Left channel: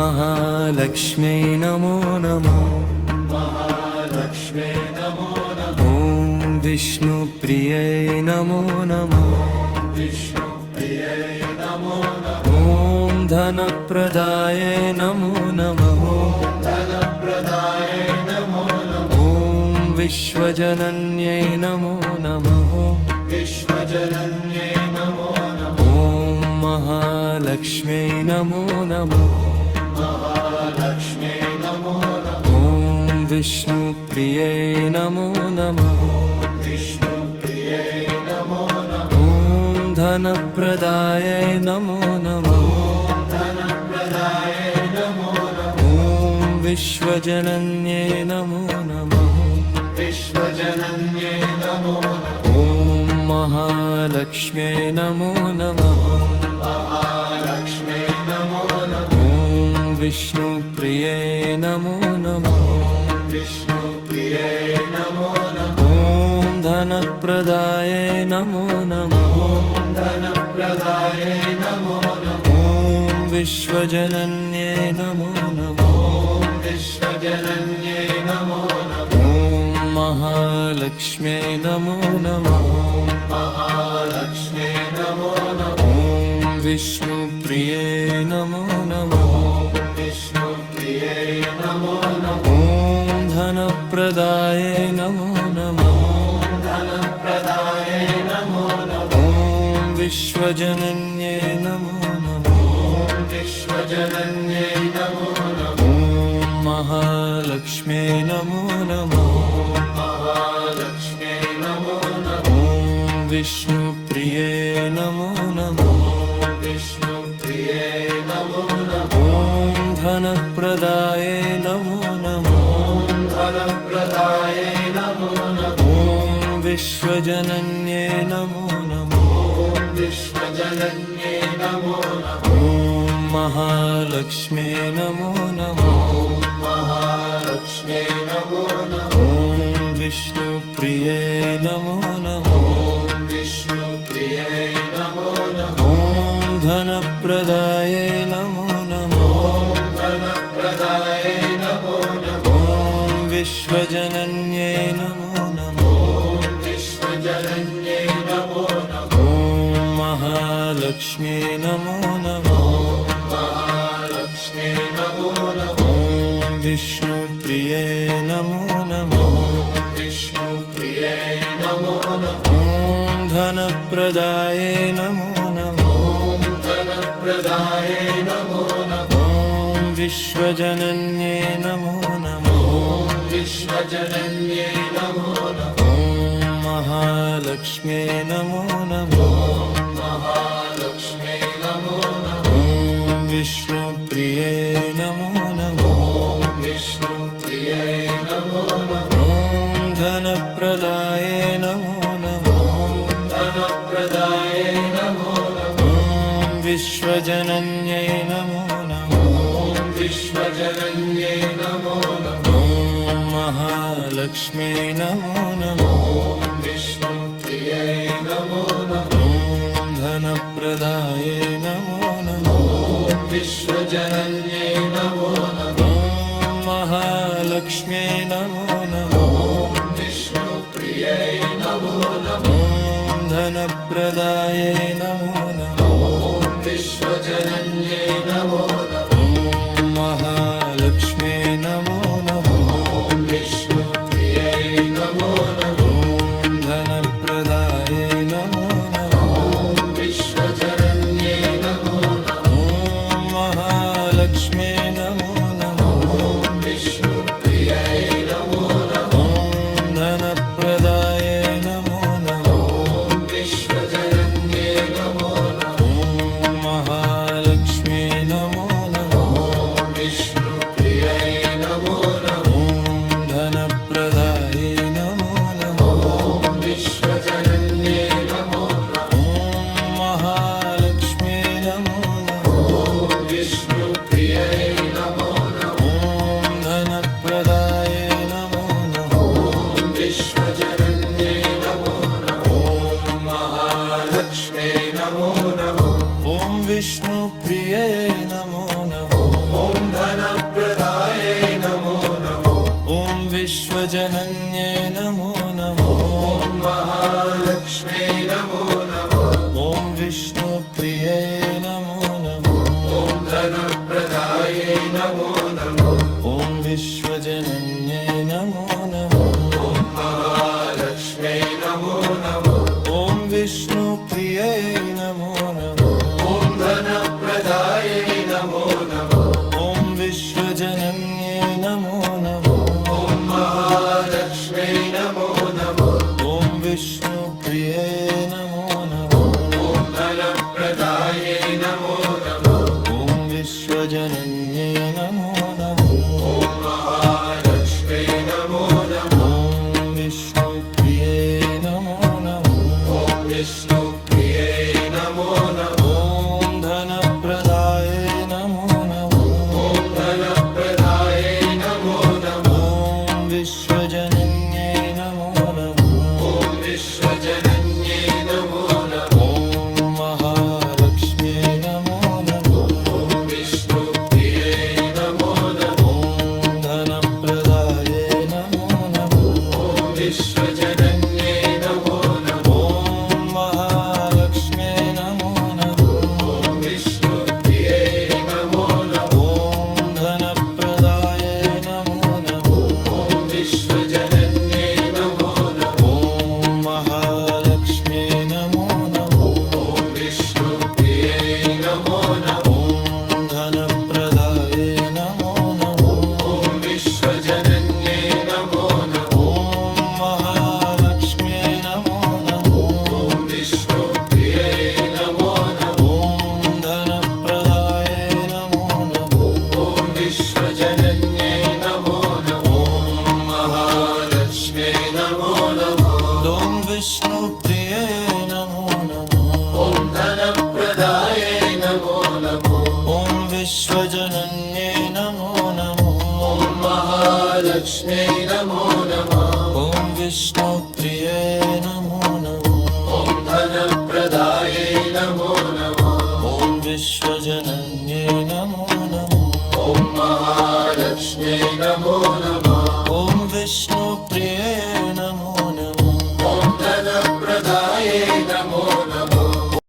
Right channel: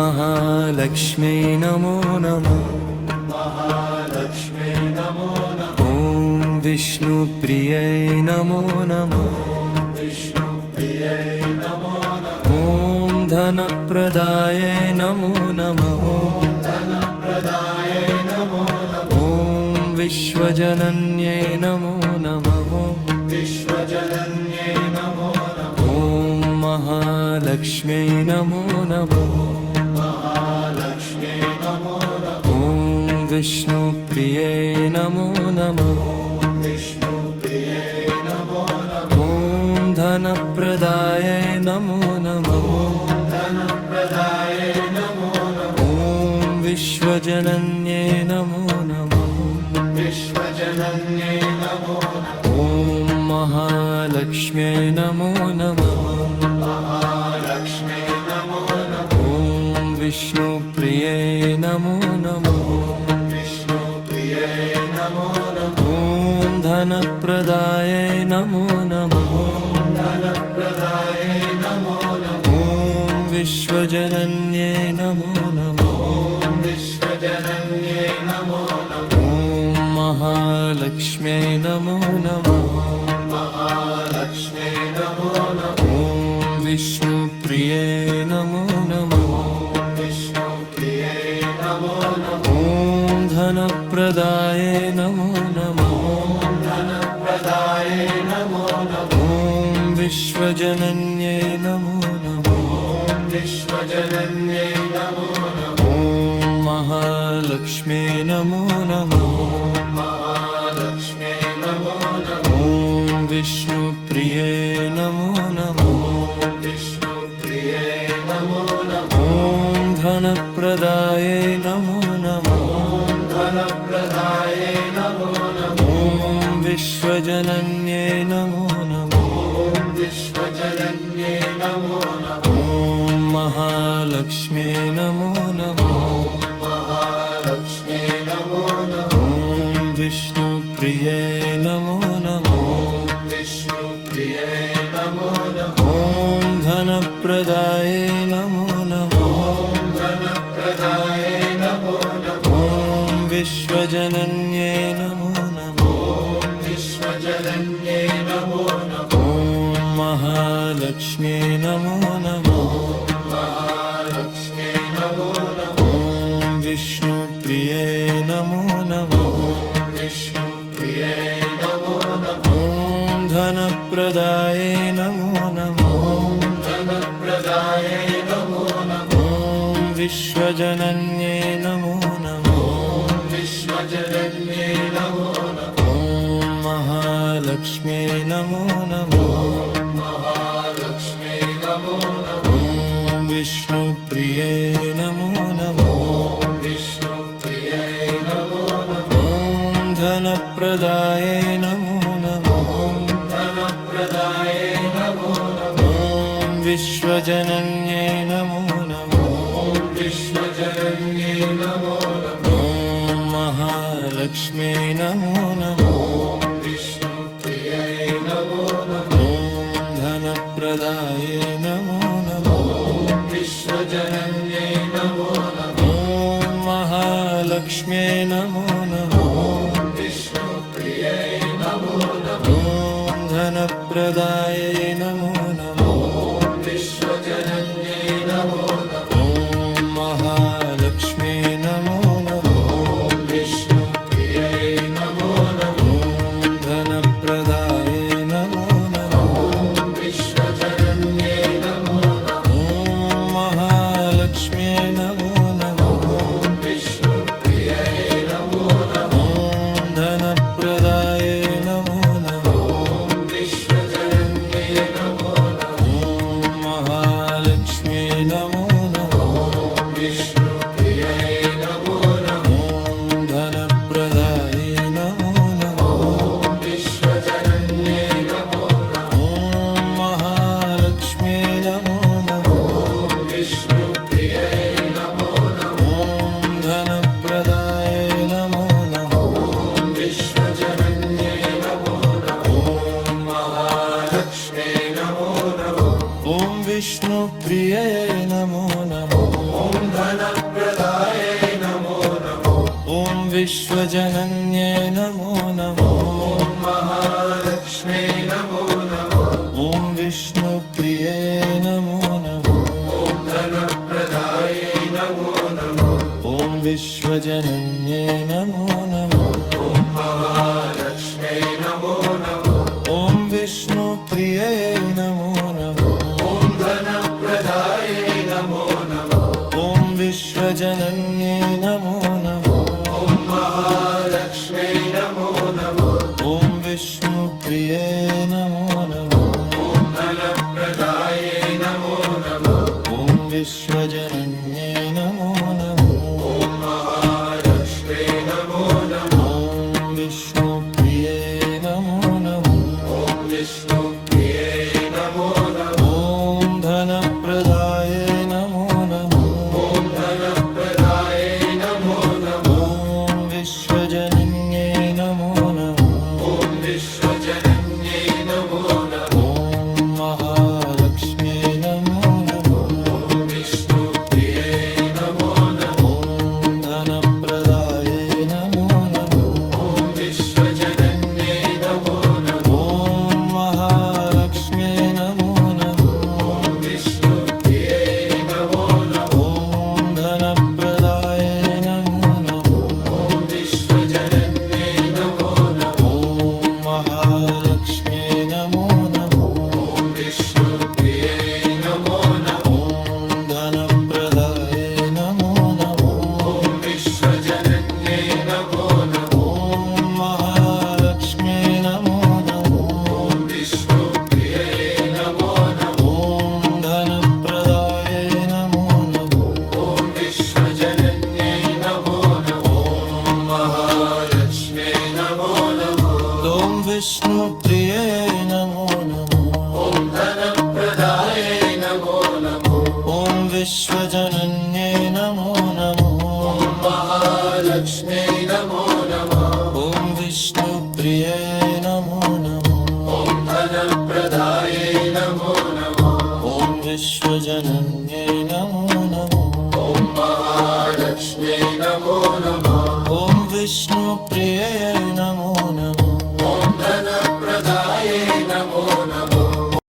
महालक्ष्म्यै नमो नमः। ॐ विष्णुप्रियै नमो नमः। ॐ धनप्रदायै नमो नमः। ॐ विश्वजनन्यै नमो नमः। ॐ महालक्ष्म्यै नमो नमः। ॐ विष्णुप्रियै नमो नमः। ॐ धनप्रदायै नमो नमः। ॐ विश्वजनन्यै नमो नमः। ॐ महालक्ष्म्यै नमो नमः। ॐ विष्णुप्रियै नमो नमः। ॐ धनप्रदायै नमो नमः। ॐ विश्वजनन्यै नमो नमः। ॐ महालक्ष्म्यै नमो नमः। ॐ विष्णुप्रियै नमो नमः। ॐ धनप्रदायै नमो नमः। ॐ विश्वजनन्यै नमो नमः। ॐ महालक्ष्म्यै नमो नमः। ॐ विष्णुप्रियै नमो नमः। ॐ धनप्रदायै नमो नमः। ॐ विश्वजनन्यै नमो नमः। ॐ महालक्ष्म्यै नमो नमः। ॐ विष्णुप्रियै नमो नमः। ॐ धनप्रदायै नमो नमः। ॐ विश्वजनन्यै नमो नमः। ॐ महालक्ष्म्यै नमो नमः। ॐ विष्णुप्रियै नमो नमः। ॐ धनप्रदायै नमो नमः। ॐ विश्वजनन्यै नमो नमः। ॐ महालक्ष्म्यै नमो नमः। ॐ विष्णुप्रियै नमो नमः। ॐ धनप्रदायै नमो नमः। ॐ विश्वजनन्यै नमो नमः। ॐ महालक्ष्म्यै नमो नमः। ॐ धनप्रदायै नमो नमः। ॐ महालक्ष्म्यै नमो नमः। ॐ धनप्रदायै नमो नमः। ॐ महालक्ष्म्यै नमो नमः। ॐ धनप्रदायै नमो नमः। ॐ महालक्ष्म्यै नमो नमः। ॐ धनप्रदायै नमो नमः। ॐ महालक्ष्म्यै नमो नमः। ॐ धनप्रदायै नमो नमः। ॐ महालक्ष्म्यै नमो नमः। ॐ धनप्रदायै नमो नमः। ॐ विष्णुप्रियये नमो नमः ॐ धनप्रदाये नमो नमो ॐ विश्वजनन्ये नमो नमः ॐ महालक्ष्मी नमो नमः ॐ विष्णुप्रिये नमो नमः ॐ धनप्रदाये नमो नमः ॐ विश्वजनन्ये नमो नमः ॐ महालक्ष्मी नमो नमः ॐ विष्णुप्रिये नमो नमः ॐ धनप्रदाये नमो नमः ॐ विश्वजनन्ये नमो नमः ॐ महालक्ष्मी नमो नमः ॐ विष्णुप्रिये नमो नमः ॐ धनप्रदाये नमो नमः ॐ विश्वजनन्ये नमो नमः महालक्ष्मी नमो नमः ॐ विष्णुप्रिये नमो नमः विष्णुप्रिये नमो नमः ॐ धनप्रदाये नमो नमः धनप्रदाये नमो नमः ॐ विश्वजनन्ये नमो नमः विश्वजनन्ये नमो नमः ॐ महालक्ष्म्यै नमो नमः विष्णुप्रिये नमो नमः ॐ धनप्रदाये नमो नमः विश्वजनन्ये नमो नमः ॐ महालक्ष्म्यै नमो नमः विष्णुप्रिये नमो नमः ॐ धनप्रदाये नमो नमः विश्वजनन्ये नमो नमः ॐ महालक्ष्म्यै नमो नमः विष्णुप्रिये नमो नमः ॐ धनप्रदाये नमो नमः विश्वजनन्ये नमो नमः ॐ महालक्ष्म्यै नमो नमः विष्णुप्रिये नमो नमः ॐ धनप्रदाये नमो नमः विश्वजनन्ये नमो नमः ॐ महालक्ष्म्यै नमो नमः ॐ विष्णुप्रिये नमो नमः धनप्रदाये नमो नमः ॐ विश्वजनन्ये नमो नमः महालक्ष्म्यै नमो नमः ॐ विष्णुप्रिये नमो नमः धनप्रदाये नमो नमः ॐ विश्वजनन्ये नमो नमः महालक्ष्म्यै नमो नमः ॐ विष्णुप्रिये नमो नमः धनप्रदाये नमो